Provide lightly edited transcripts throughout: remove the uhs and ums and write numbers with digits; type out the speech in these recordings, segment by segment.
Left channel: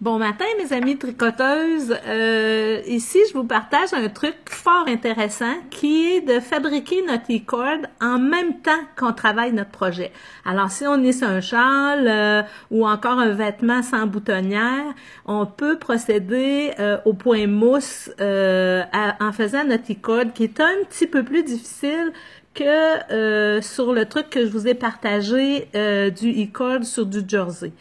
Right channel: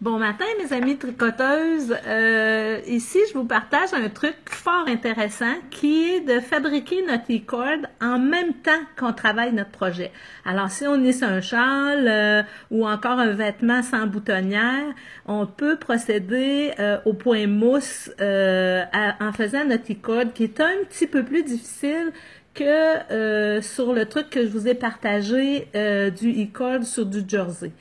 Bon matin, mes amies tricoteuses. Ici, je vous partage un truc fort intéressant qui est de fabriquer notre e-cord en même temps qu'on travaille notre projet. Alors, si on est sur un châle ou encore un vêtement sans boutonnière, on peut procéder au point mousse en faisant notre e-cord qui est un petit peu plus difficile que sur le truc que je vous ai partagé du e-cord sur du jersey.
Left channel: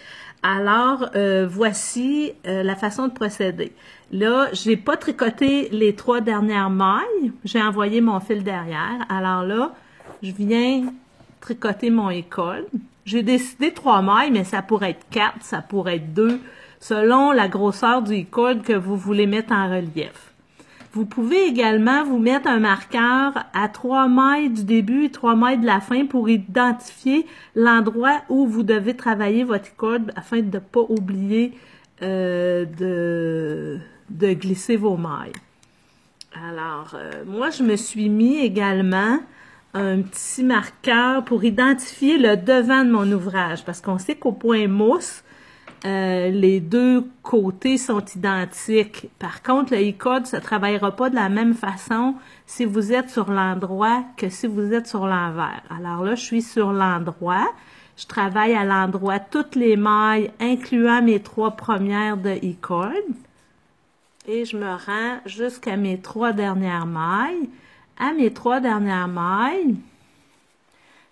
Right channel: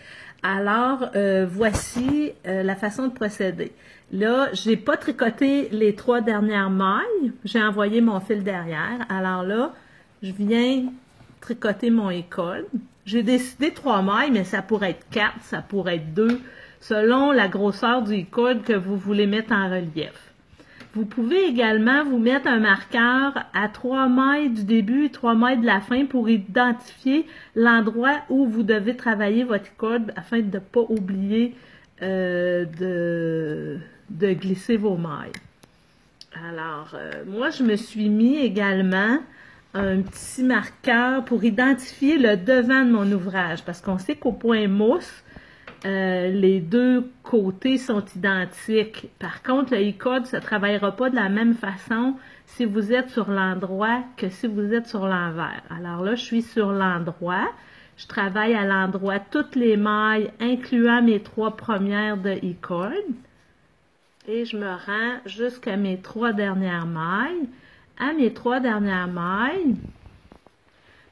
Alors, voici la façon de procéder. Là, j'ai pas tricoté les 3 dernières mailles. J'ai envoyé mon fil derrière. Alors là, je viens tricoter mon e-cord. J'ai décidé 3 mailles, mais ça pourrait être 4, ça pourrait être 2, selon la grosseur du e-cord que vous voulez mettre en relief. Vous pouvez également vous mettre un marqueur à 3 mailles du début et 3 mailles de la fin pour identifier l'endroit où vous devez travailler votre e-cord afin de ne pas oublier de glisser vos mailles. Alors, moi, je me suis mis également un petit marqueur pour identifier le devant de mon ouvrage parce qu'on sait qu'au point mousse, les deux côtés sont identiques. Par contre, le e-cord ne travaillera pas de la même façon si vous êtes sur l'endroit que si vous êtes sur l'envers. Alors là, je suis sur l'endroit. Je travaille à l'endroit toutes les mailles, incluant mes 3 premières de e-cord. Et je me rends jusqu'à mes 3 dernières mailles. À mes 3 dernières mailles,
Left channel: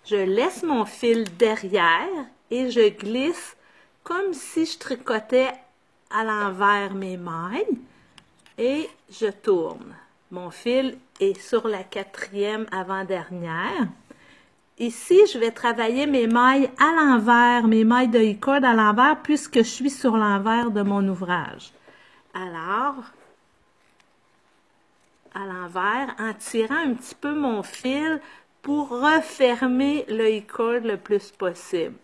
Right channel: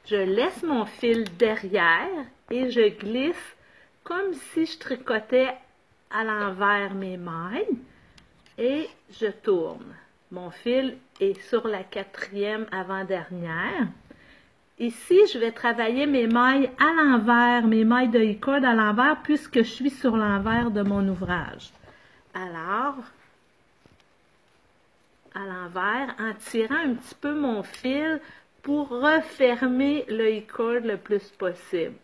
je laisse mon fil derrière et je glisse comme si je tricotais à l'envers mes mailles et je tourne. Mon fil est sur la 4e avant-dernière. Ici, je vais travailler mes mailles à l'envers, mes mailles de e-cord à l'envers puisque je suis sur l'envers de mon ouvrage. Alors, à l'envers, en tirant un petit peu mon fil pour refermer le e-cord le plus possible.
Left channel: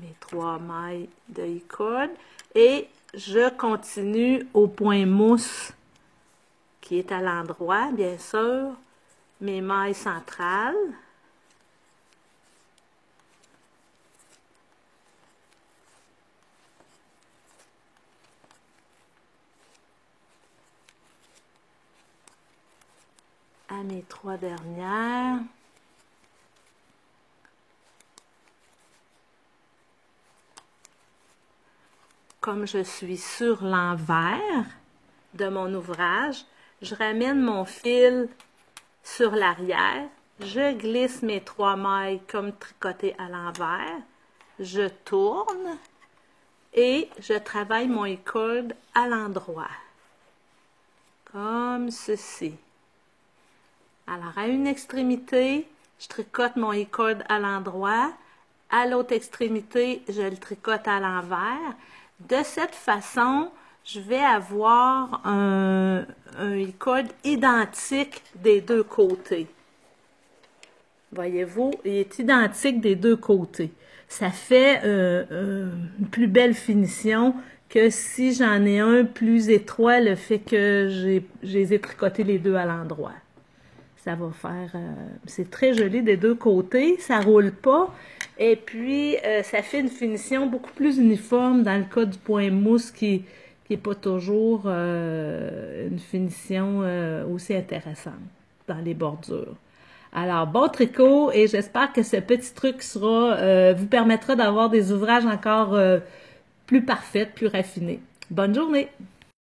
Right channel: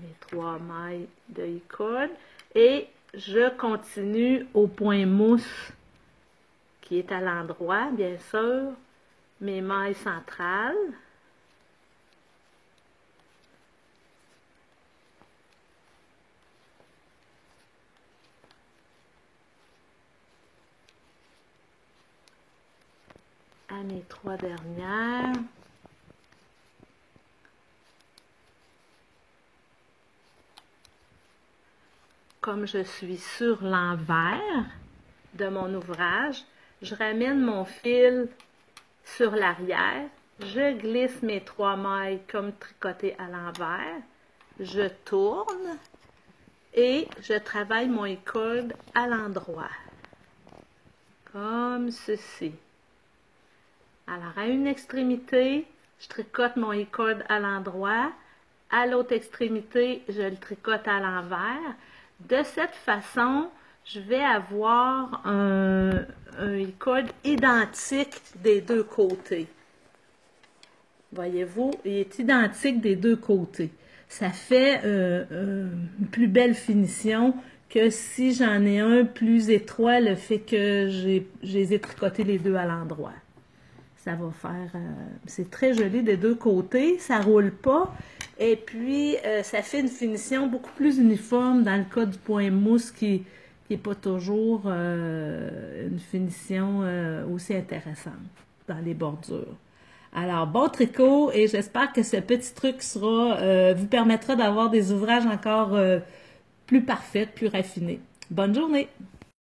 Mes 3 mailles de e-cord et je continue au point mousse qui est à l'endroit, bien sûr, mes mailles centrales. À mes 3 dernières. Comme je suis sur l'envers de mon ouvrage, je ramène mon fil sur l'arrière, je glisse mes 3 mailles comme tricotées à l'envers, je tourne et je travaille mon e-cord à l'endroit, comme ceci. Alors, à une extrémité, je tricote mon e-cord à l'endroit, à l'autre extrémité, je le tricote à l'envers. De cette façon, je vais avoir un e-cord identique des deux côtés. Voyez-vous, il est identique des deux côtés. Ça fait une plus belle finition que si j'en ai un plus étroit, le fait que je les ai tricotés les deux à l'endroit. Ça va faire, c'est très joli des deux côtés, ça roule pas, et puis ça fait une finition beaucoup plus uniforme dans le cas du point mousse qui n'est pas toujours une finition aussi intéressante dans les bordures. Alors, bon tricot, et j'espère que ce petit truc vous permettra d'avoir des ouvrages encore plus parfaits, plus raffinés. Bonne journée!